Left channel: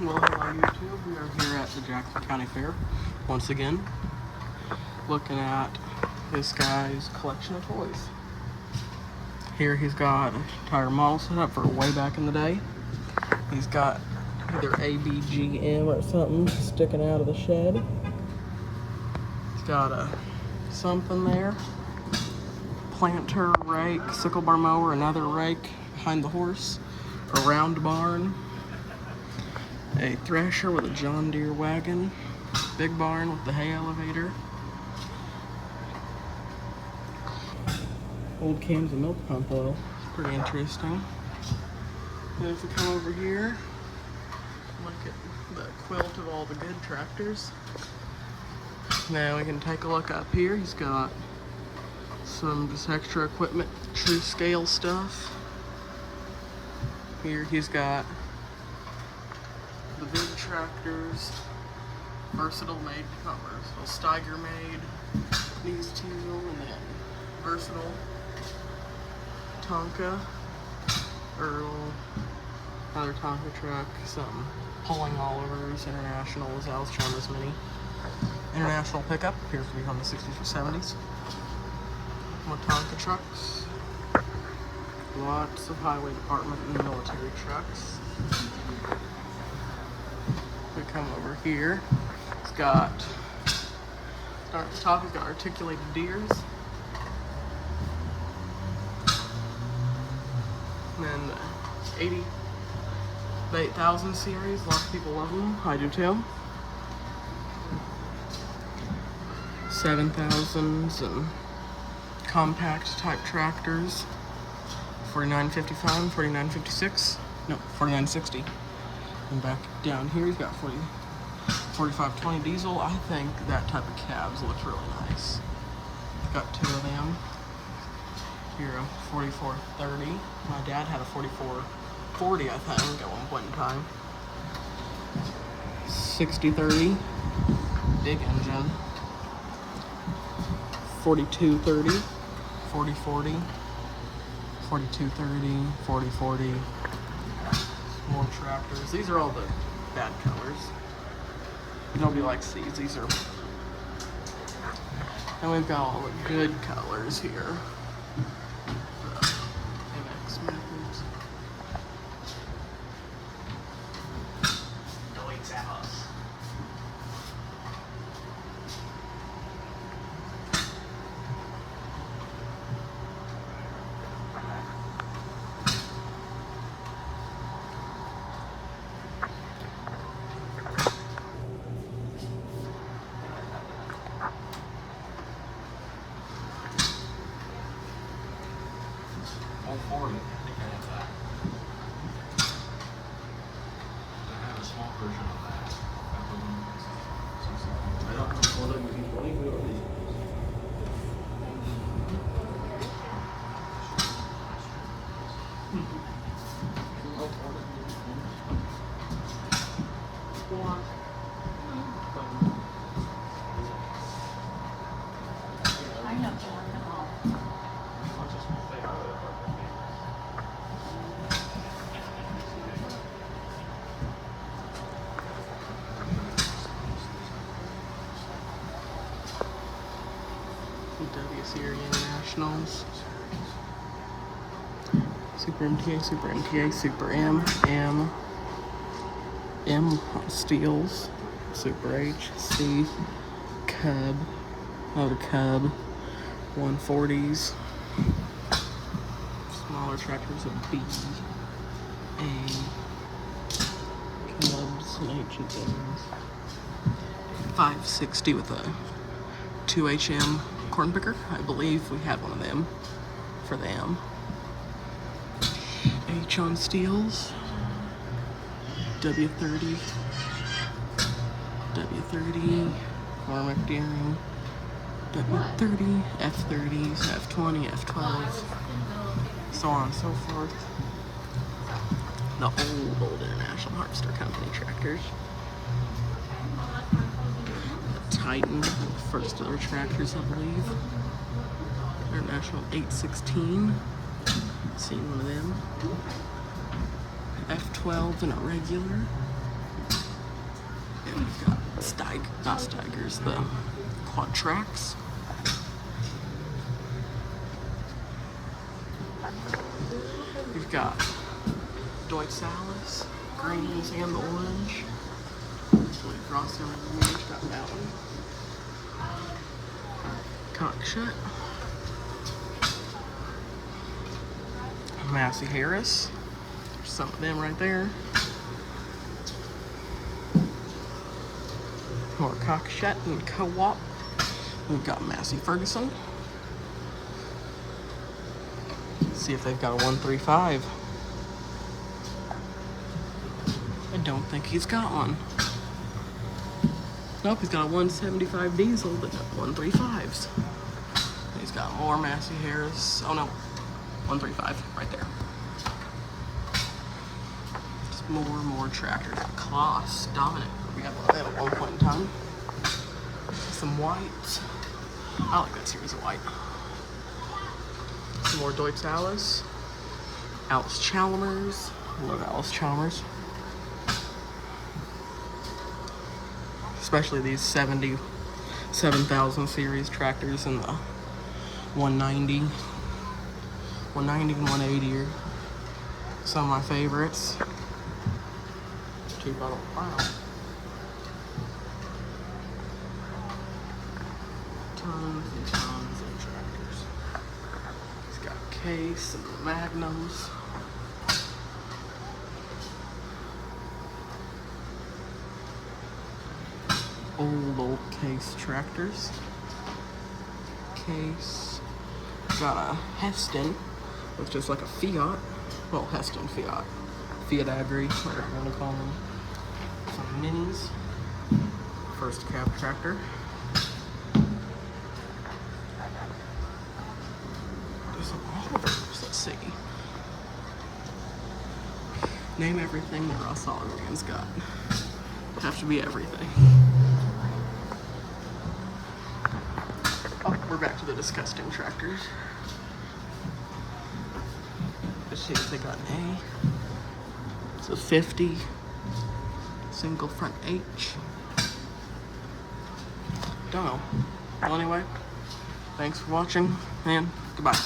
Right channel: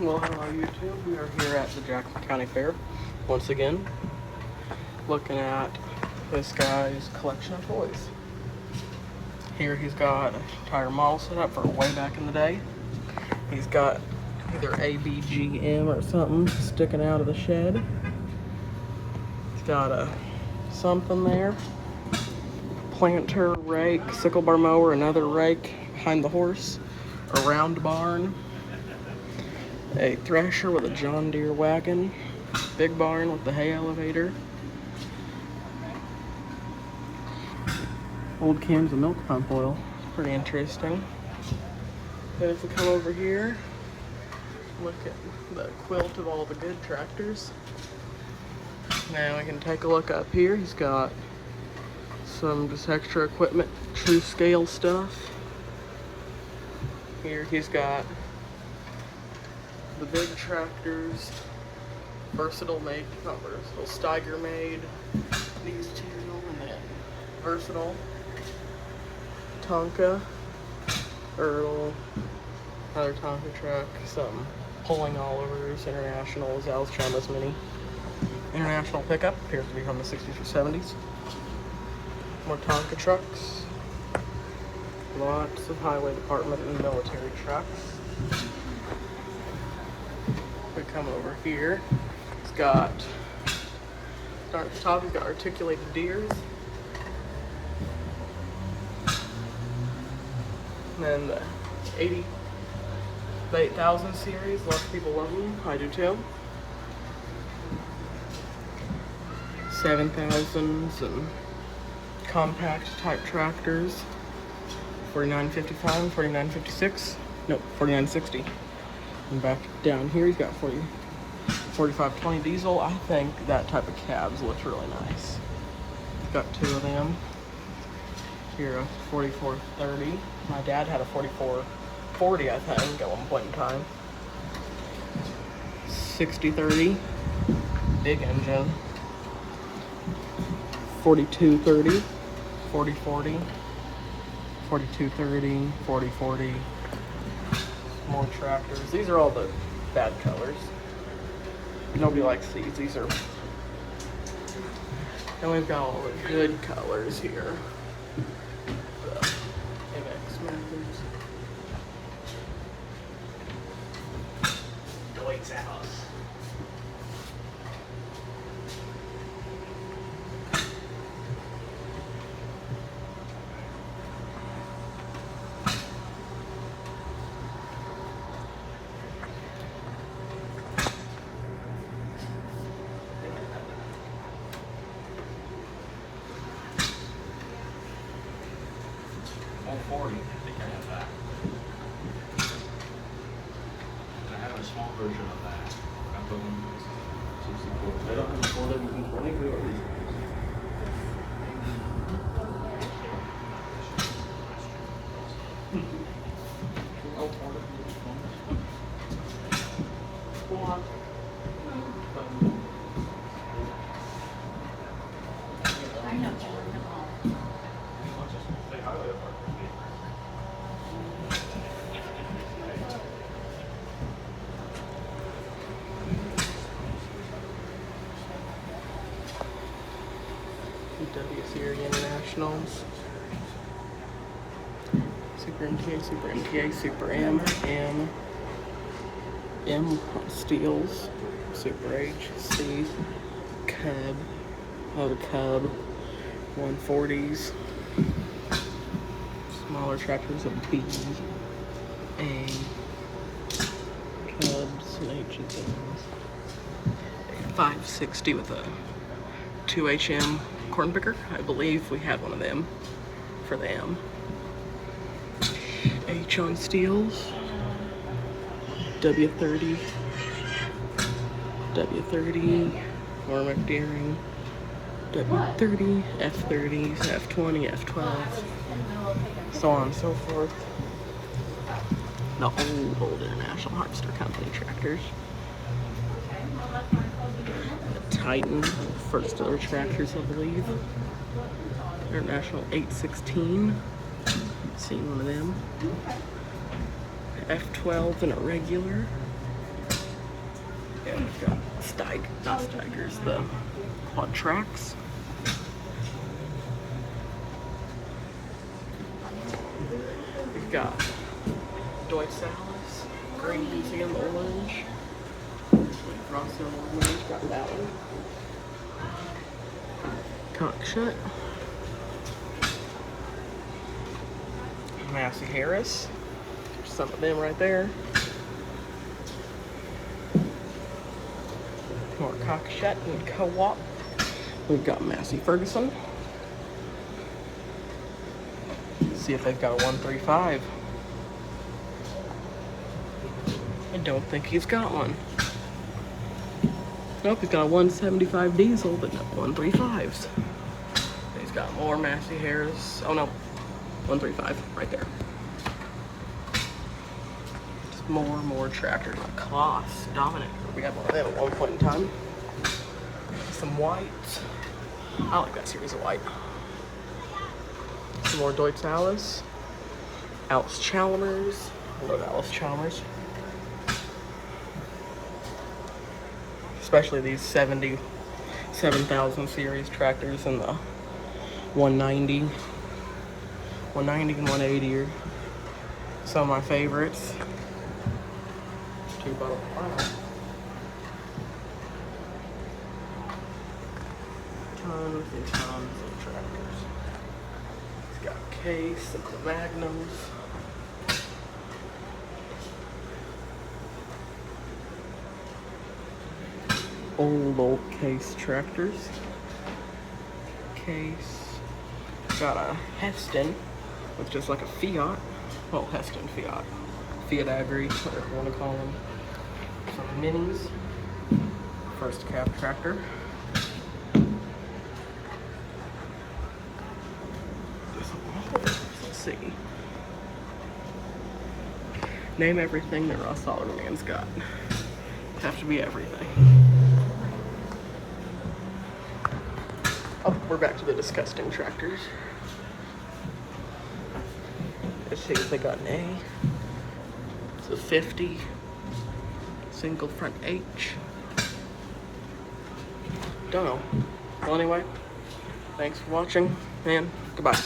Well, hello YouTube. We are here at the Jackson County Fair once again, looking at this guy's collection of toys. Here he's got an entire model set up for way back in the day. He's got either ABGM or something sticking out of the shed. He's got a something there. Planter, rake, sickle bar mower, another rake behind the horse, a round barn, a thresher with a John Deere wagon, big barn with the hay elevator, old cans of milk pump oil, pretty interesting. Then if we come over here, look at the quilt of all the good tractors. Now we can take a look up here. He's got some just extra equipment, true scale stuff. Here he's got the big tractors, Versatile made, not Versatile, Steiger made, these two, and then Versatile, Tonka, Earl, another Tonka truck, some Pulling Olivers, International, Zal's Chalmers Mini, International pickup, appears to be from the 60s or 70s, more Tonka trucks, lots of highway department and military trucks. We come over here, it's got, start at the top, he's got articulated deers. And then the 80,000 series, lots of people love them, I do too. 7,000s and compact type tractors, 4955, 4956, nope, 4960. And back down here, he's got 4520 diesel. I think that type of cabs looks really nice. He's got two of them. Here, a 4430. My dad had a 4440, I think, at one point in time. 6030, big engine. 4230, 4040, 4230, 4040. More tractors. These are all the bad colors. Nobody likes these. These are. And we've got all the good colors here. The MX Methods. I have a small version of that. I put them 64. I don't have a 4WD-20. W Series Internationals, Super MTA, Super MTA, Super M Steels, Super H, C, Cub, another Cub, 140s, smaller tractors of B, A, Cubs, and H's, 560 with a 2HM corn picker. I believe we had one of them for them. H on steels, W30, Normac Deering, W30, F30s, F20, F12, so on and so forth. The old International Harvester Company tractors. Titan, first of their tractors, I believe. International 816. Seen one of them. F12 and a regular. And we've got not Steigers, the quad tracks. We've got Deutz Alice, greens and the orange. We've Frosty on the orange, got that one. Cock shut. Massey Harris. There's some of them right there. More Cockshut and Co-op. We've got Massey Ferguson. See if they've got a 135. I don't think he's got one. Nope, he's got a 175 diesel, but no 135s. He's got more Massey Harris. Oh no, 135 right there. Just more tractors. Kloss, Dominic. We had one of them at one point in time. Some white. I like that series of white. Some more Deutz Alice. Alice Chalmers. I love Alice Chalmers. Especially these 77,000 series tractors and the 190 and 180 are some of my favorites. Wow. Tons and tons of tractors. He's got Case and the Magnums. Old Case tractors. Case. Got a Heston with just like a Fiat. Well, Heston Fiat. Fiat Agri, whatever you want to call them. Some minis. First cab tractor. Some Olivers. Let's see. Name everything that Ross Solderman's got. Have to be everything. Oh, we're back to the disgusting tractors. Let's see if they got an A. It's a 50. Single front H. Don't know. Well, anyway, thanks for watching, and goodbye.